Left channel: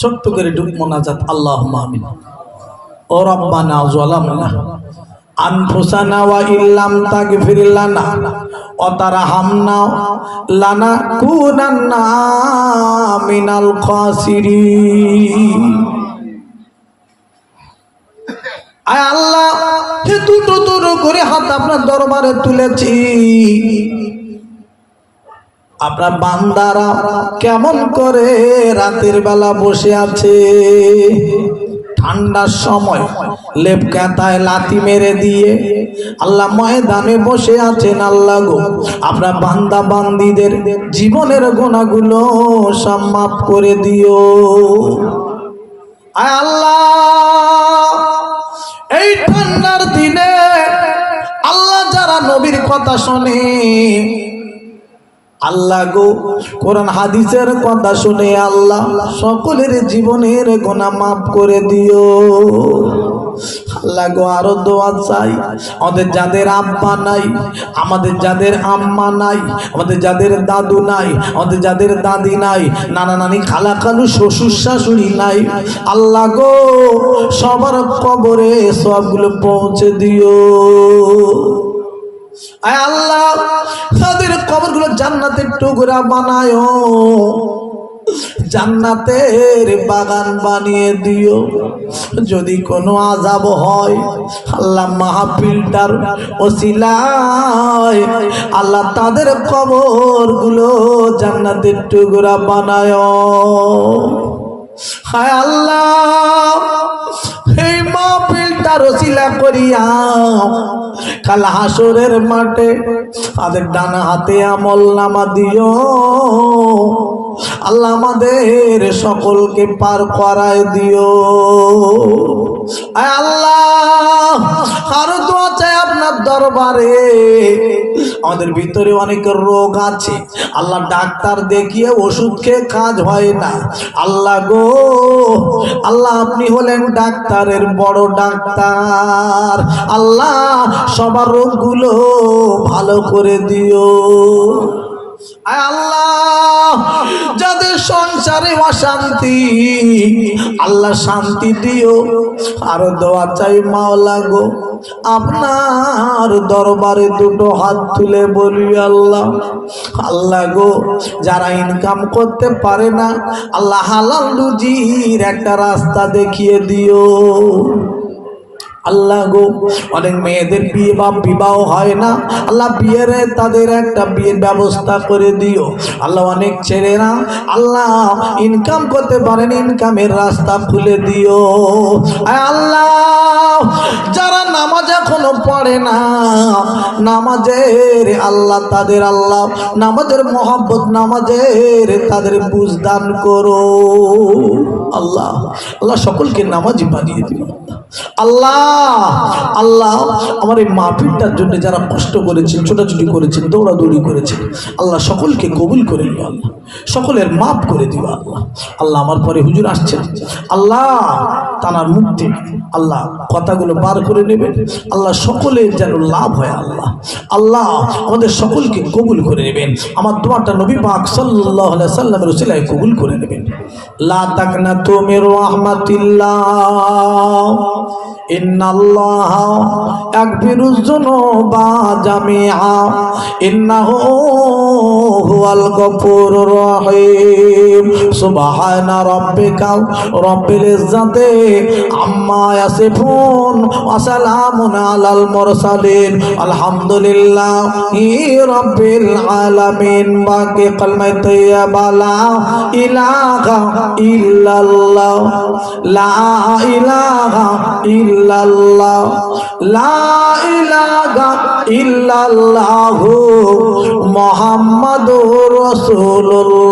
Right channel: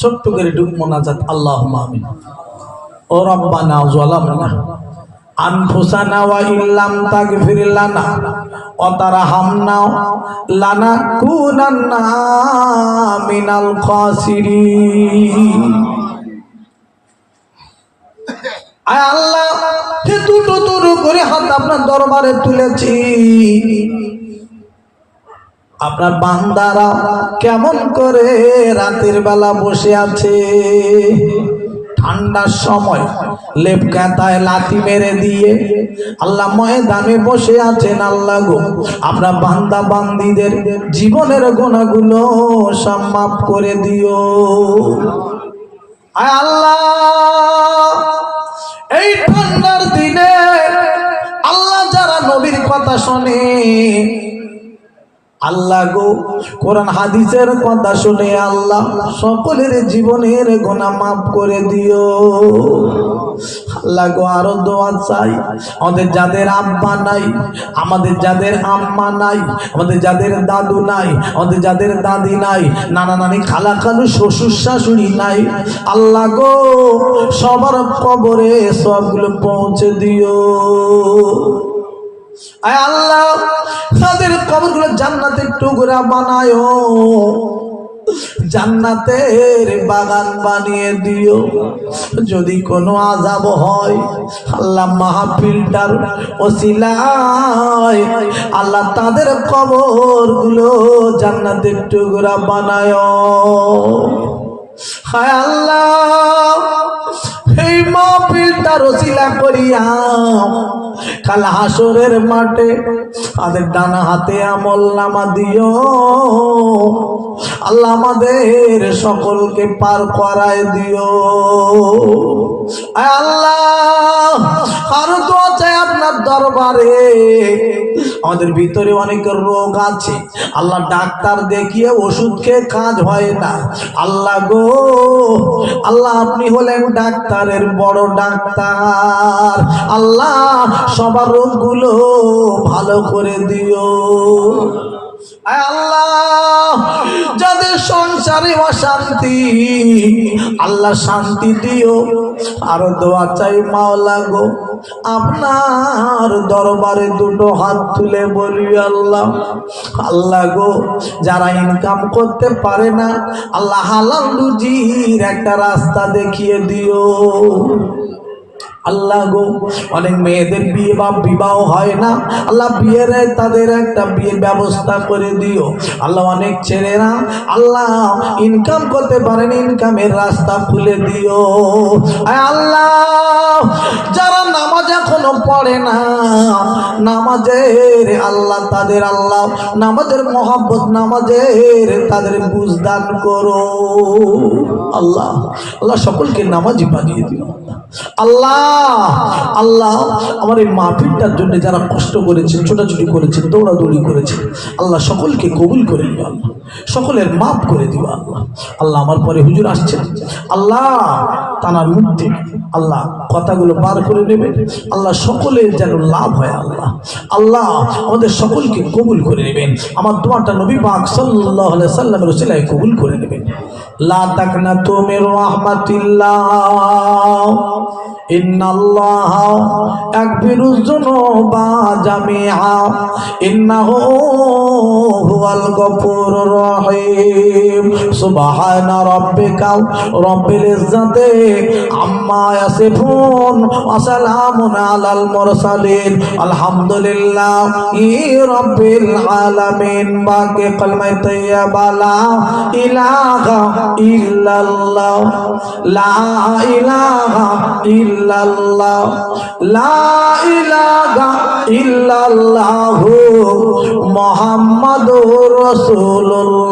ছোট্ট করে ডুব মোনাজাত আল্লাহুম্মা আমিন। ও রব্বানা যালামনা আনফুসানা ওয়া ইল্লাম তাগফির লানা ওয়া তারহামনা লানাকুনান্না মিনাল খাসিরিন। আয় আল্লাহ, দুটো করে হাত আপনার দরবারে তুলেছি। আপনার বান্দারা কেমন করে রাতের বেলা বসে আছে, ঠান্ডার সময় লেপ কাঁথায় লাথি মেরে দিয়ে আল্লাহ ময়দানে বসে আছেন। আল্লাহ গো, আপনার বান্দা বান্দীদের জীবনের গুনাহগুলো সব মাফ করে দিও। আয় আল্লাহ, এই ঠান্ডার দিনে আল্লাহ যারা নবীর কথা শোনে, আল্লাহ গো কোরআন হাদিসের কথা শুনে আল্লাহ সকলের জীবনের গুনাহ মাফ করে দিও। আল্লাহ গো, আরো দোয়া চাই, আমাদের যাদের আব্বা নাই, আমাদের যাদের আম্মা নাই, আমাদের যাদের দাদু নাই, আমাদের যাদের দাদি নাই, নানা নানি খালা খালু শ্বশুর শাশুড়ি নাই, আল্লাহ গো সবার কবরে সবগুলো পৌঁছে দিও। আয় আল্লাহ, তাদের কবরগুলো জান্নাতের টুকরা বানায়, জান্নাতের বাগান বানিয়ে দিও। যদি কোনো আযাব হয় আল্লাহ মাহফিলটার ওসিলায় আল্লাহ তাদের কবরগুলো জান্নাতের টুকরা বানায়। হায় আল্লাহ, এই মাহফিলটার ওসিলা করিয়া কাল হাসরের মাঠে তাদের ডানা হাতে আমলনামা দিও। আল্লাহ আমাদের সকলকে পার করায় দিও। আল্লাহ, আরো দোয়া চাই আপনার দরবারে। আমাদের ভিতরে অনেক রোগ আছে আল্লাহ, ডাক্তার দেখিয়ে ওষুধ খেয়ে কাজ হয় না। আল্লাহ গো, আল্লাহ আপনি হলেন ডাক্তারের বড় ডাক্তার। আল্লাহ সবার রোগগুলো ভালো করে দিও। আল্লাহ, যাদের সংসারে অশান্তি আল্লাহ শান্তি দিও। আরো দোয়া চাই মাওলা গো, আপনার দরবারে দুটো হাত তুলে বলি আল্লাহ, আল্লাহ গো যারা ইনকাম করতে পারে না আল্লাহ হালাল রুজির একটা রাস্তা দেখিয়ে দিও। আল্লাহ গো, অনেক মেয়েদের বিয়ে বা বিবাহ হয় না, আল্লাহ বিয়ের তাদের একটা বিয়ের ব্যবস্থা করে দিও। আল্লাহ অনেক ছেলেরা আল্লাহ ইনকাম করতে পারেন, ইনকামের রাস্তা খুলে দিও। আল্লাহ, যারা নামাজ এখনো পড়ে না, নামাজের আল্লাহ তাদের আল্লাহ নামাজের মহব্বত, নামাজের তাদের বুঝদান করো। আল্লাহ, আল্লাহ সকলকে নামাজি বানিয়ে দিও। আল্লাহ, আল্লাহ আমার এই মাহফিলটার জন্য যারা কষ্ট করেছেন, ছোটাছুটি করেছেন, দৌড়াদৌড়ি করেছেন, আল্লাহ সকলকে কবুল করে নিও। আল্লাহ সকলের মাফ করে দিও। আল্লাহ, আল্লাহ আমার পরে হুজুর আসছেন, আল্লাহ তানার মুক্তি আল্লাহ কথাগুলো বার করে নেবেন। আল্লাহ সকলের যেন লাভ হয়। আল্লাহ, আল্লাহ আমাদের সকলকে কবুল করে নেবেন। আমার দোয়াটা নবী পাক সাল্লাল্লাহু আলাইহি সাল্লামের ওসিলায় কবুল করে নেবেন। লা তাকনাতু মির রাহমাতিল্লাহ ইন্নাল্লাহা ইয়াগফিরুয যুনুবা জামিআ ইন্নাহু হুয়াল গফুরুর রহিম। সুবহানা রাব্বিকা রাব্বিল ইজ্জাতি আম্মা ইয়াসিফুন ওয়া সালামুন আলাল মুরসালিন আলহামদুলিল্লাহি রাব্বিল আলামিন। বাকি কলমা তাইয়্যিবা লা ইলাহা ইল্লাল্লাহ, লা ইলাহা ইল্লাল্লাহ, লা ইলাহা ইল্লাল্লাহু মুহাম্মাদুর রাসূলুল্লাহ।